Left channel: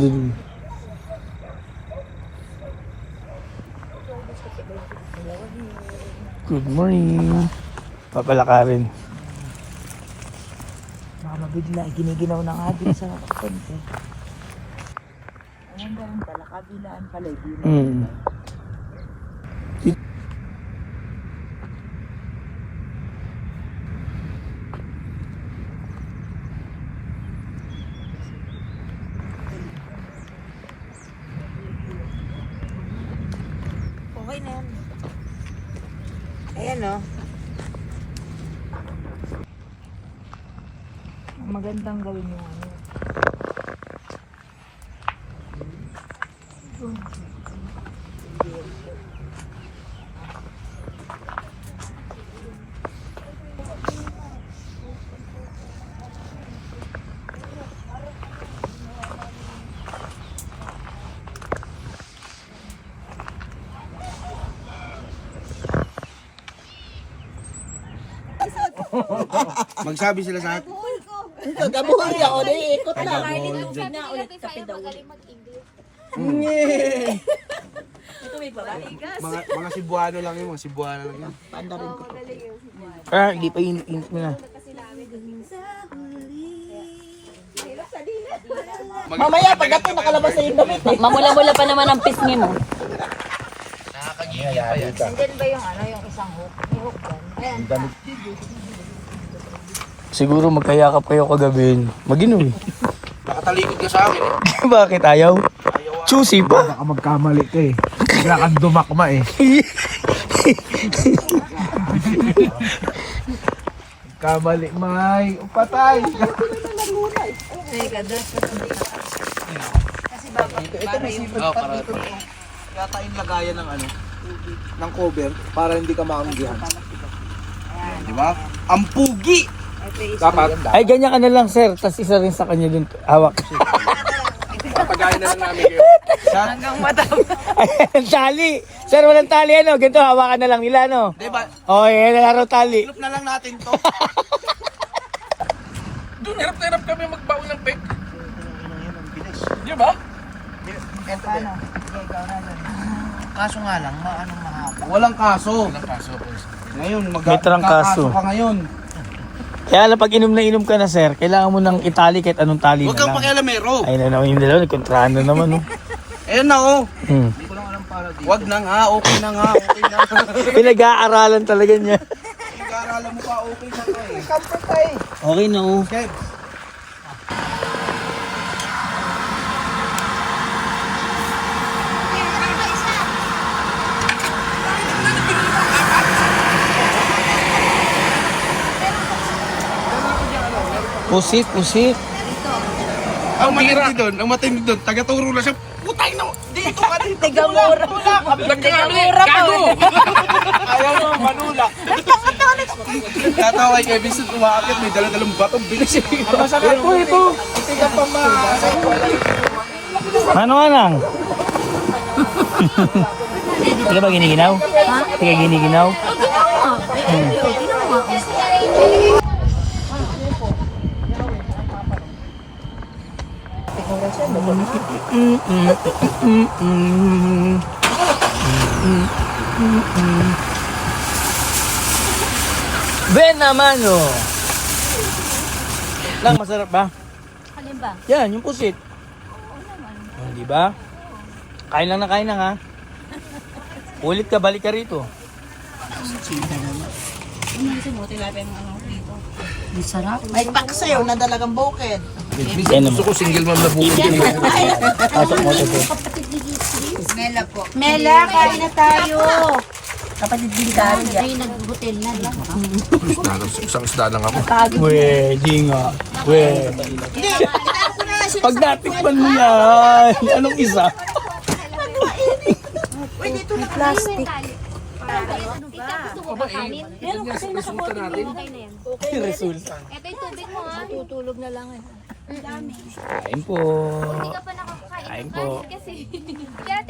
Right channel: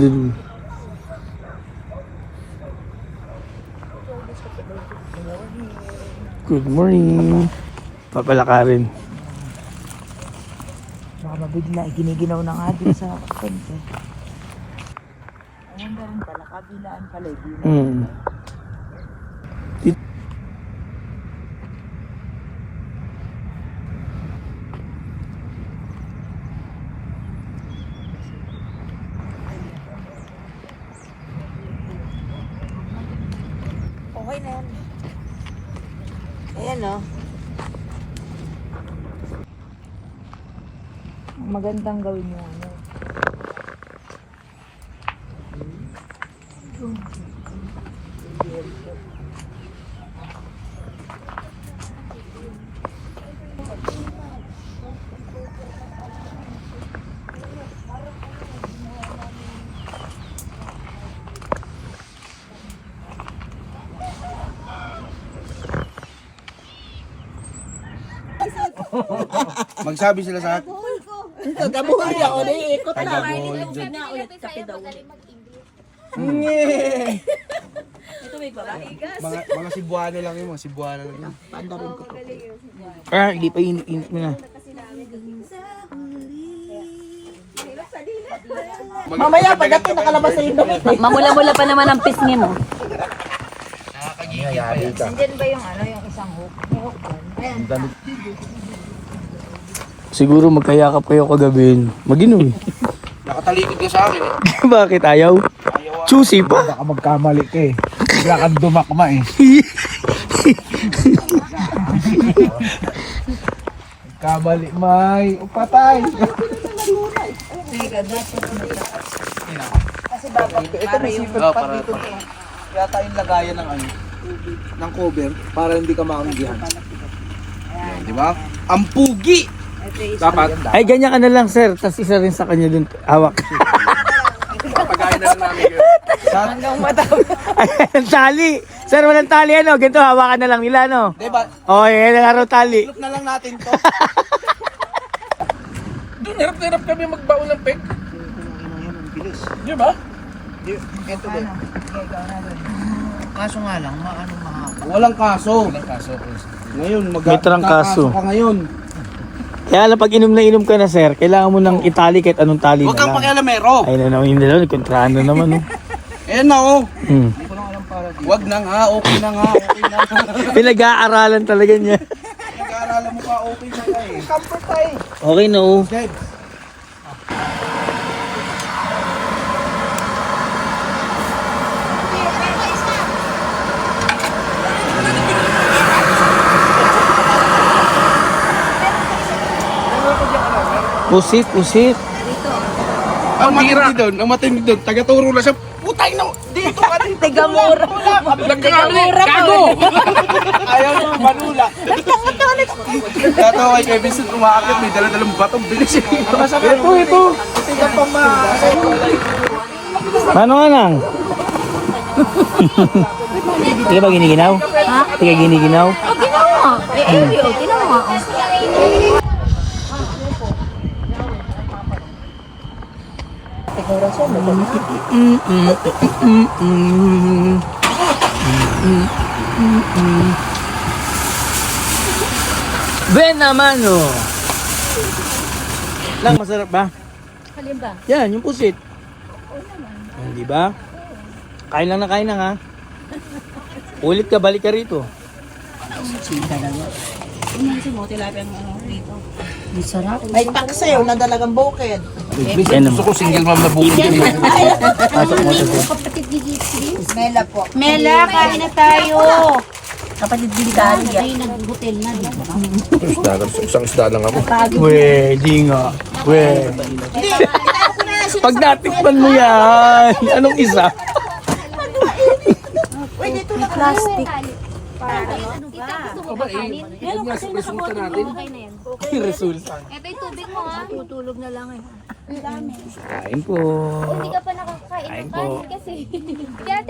dun. Good morning. Papalakarin. Baka mabigla, giniginaw na nga din sa konti. Ayun ganun pala, kabilaan pala. Okay na yan. Ayan o. Magandang gawin mo. Magsabi sila sa akin. Tagabuhay ako na iikot na. Tagabuhay dyan. Sabi nila sa'yo, magaling mag-English. Mga Cebuano lang yun, mga Cebuano lang yun. Oo, magaling yung Cebuano. Hindi pa yun na. Mamaya pagdating nakalabas sa indo. Mamula-mula pa naman ang pisngi mo. Nakakagigil pa yan. Nandyan ba yung ano, yung isang hook? May hook doon. Ayan. Siguro magkayakap kayo kagabi. Mag-inom. Nakatalikod ka sa akin eh. Bakit ayaw? Ayaw Susi pa. Baka magkamali ka eh. Bigla kang dumakma eh. Magkamali, may upatay. Teka, dapat kasi Ito may sipag pa dito. Yata yung lagayan ng ano, ng cover para hindi ka maanggihan. Di ba? Ang pugi! Dapat. Ay, ganyan ka na lang, sir. Tapos isa rin sa kanya dun. Hawak. Papagayin na lang namin kayo. hanggang mataw. Tali. Sir, walang tali ano. Ganito, hawakan na lang nila, no? Di ba? Oh, yan na araw tali. Look na lang natin to. Doon, hirap na hirap kami magbaon ng peg. Di ba? Ito ano? Ikaw na doon. Kaso nga lang, maanong mahapon. Walang kaso. Walang kaso. Ngayon, Walang kaso. magkakaso ka ngayon. Kaya lang pag inom na inom ka na, sir, kailangan mo ng itali kahit anong tali Huwag kang na lang. pakialamero. Ay, naman nila, nagkintraan na naman. Ayan na oh. Hmm. Huwag na nga, okay na nga, okay na. Pinag-aaralan talaga niya. Nag-aaralan mo pa, okay na ka eh. Okay na, oh. Good. Pusit, pusit. Ang matindi doon, taga-turo na siya. Putay na, dito ka rin. Tigamura. Tigamura ka mo. Ayaw nyo, manula. Kaya to kay Vincent umaakit, may dala-dalang batong bilis. Ito. Paano ka nang? Hindi ba giniginaw? Ha? Hindi ka giniginaw? Oh, ginawa nga. Eh, ginawa nga. Siguro siya. Ben naman, no? Masarap ba? Alin ba? Yan, yung pusit. Oo naman. Hindi ba? Kain lang na kain na, ha? Ulit ka, balik ka rito. Ang sarap. May taksayo na dalagang bukid. Gusto ko single mom na bukid. Kapatid ni Gitsi. Mela po. Mela, kain na tayo. Kapatid din Dalia. Ay, nag-hotel na, di ba? Isang isda lang ako. Weh, di nga. Weh. Pag natikman mo yan, anong isa? Uy, dito na plastic. Ano ba? Aba, yan nga, resulta natin. Resulta. Ito yung tubig mo, ha? Tutulog na lang eh. Ang dami. Kain ko. Hindi ka pa nakakain ng Kain po. kanin kasi. Kaya